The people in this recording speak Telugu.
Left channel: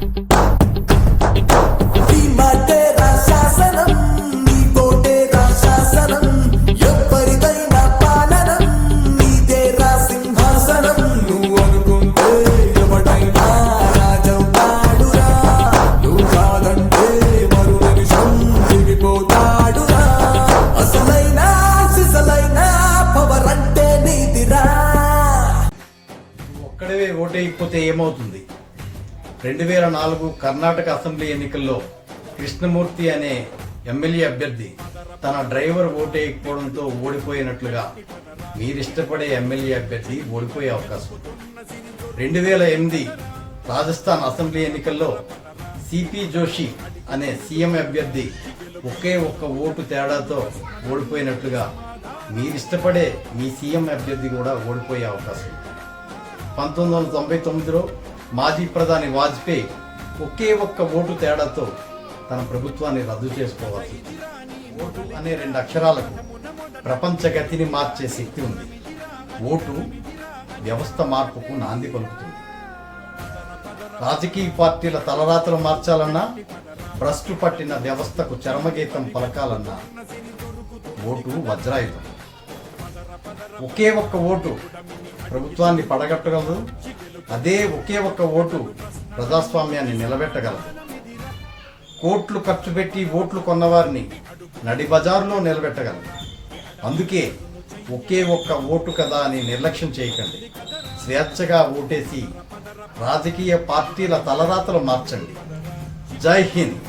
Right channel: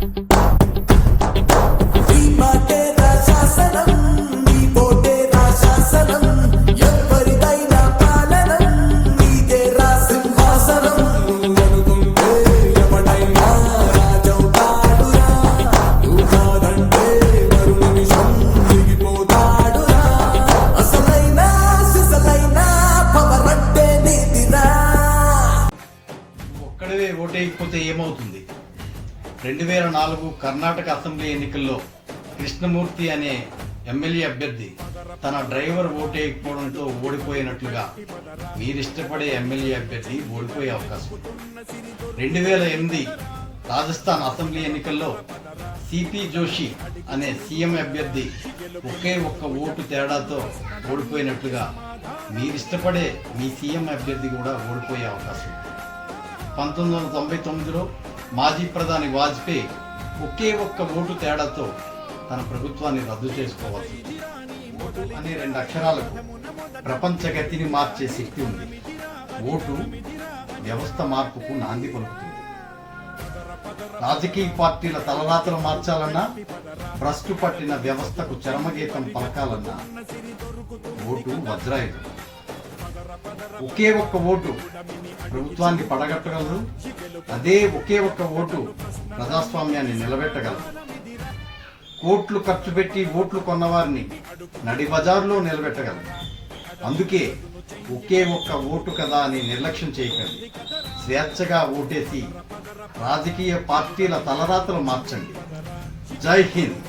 ఒక్కడే ఓటేయకపోతే ఏమవుతుంది? 2004 కర్ణాటక అసెంబ్లీ ఎన్నికల్లో కృష్ణమూర్తి అనే ఎమ్మెల్యే అభ్యర్థి తన డ్రైవర్ ఓటేయకపోవడంతో ఓడిపోయినట్లుగా మీరిష్టపడే ఎమ్మెల్యే అభ్యర్థి ఓడిపోయే అవకాశం. 2008 రాజస్థాన్ అసెంబ్లీ ఎన్నికల్లో సిపి జోషి అనే సీఎం అభ్యర్థి ఒకే ఒక్క ఓటు తేడాతో ఓడిపోయినట్లుగా మీరిష్టపడే మీ సీఎం అభ్యర్థి కూడా ఓడిపోయే అవకాశం. 1999లో మాజీ ప్రధాని వాజ్పేయి ఒకే ఒక్క ఓటు తేడాతో తన ప్రభుత్వాన్ని రద్దు చేసుకోవాలి. ఓటు అనే 2 అక్షరాలకు ప్రపంచ గతిని మార్చే శక్తి ఉంది. ఓటు వ్యవస్థ మార్పుకు నాంది పలుకుతుంది. రాజకీయ పార్టీల తలరాతలు మార్చాలన్నా, భ్రష్టు పట్టిన వ్యవస్థకు చరమగీతం పలకాలన్నా ఓటు వజ్రాయుధం. ఒకే ఒక్క ఓటు ప్రభుత్వాన్ని పడగట్టగలదు. అదే ఒకే ఒక్క ఓటు ప్రజాస్వామ్యాన్ని నిలబెట్టగలదు. కోట్లు ఖర్చు పెట్టి ఓట్లు కొన్నవారిని నడి బజారులో నిలబెట్టగలదు. అందుకే ఒకే ఒక్క ఓటు కదా అని నిర్లక్ష్యం చేయకండి. స్వేచ్ఛగా ఓటేసి రాజకీయ పార్టీల తలరాతలు మార్చండి. జై హింద్.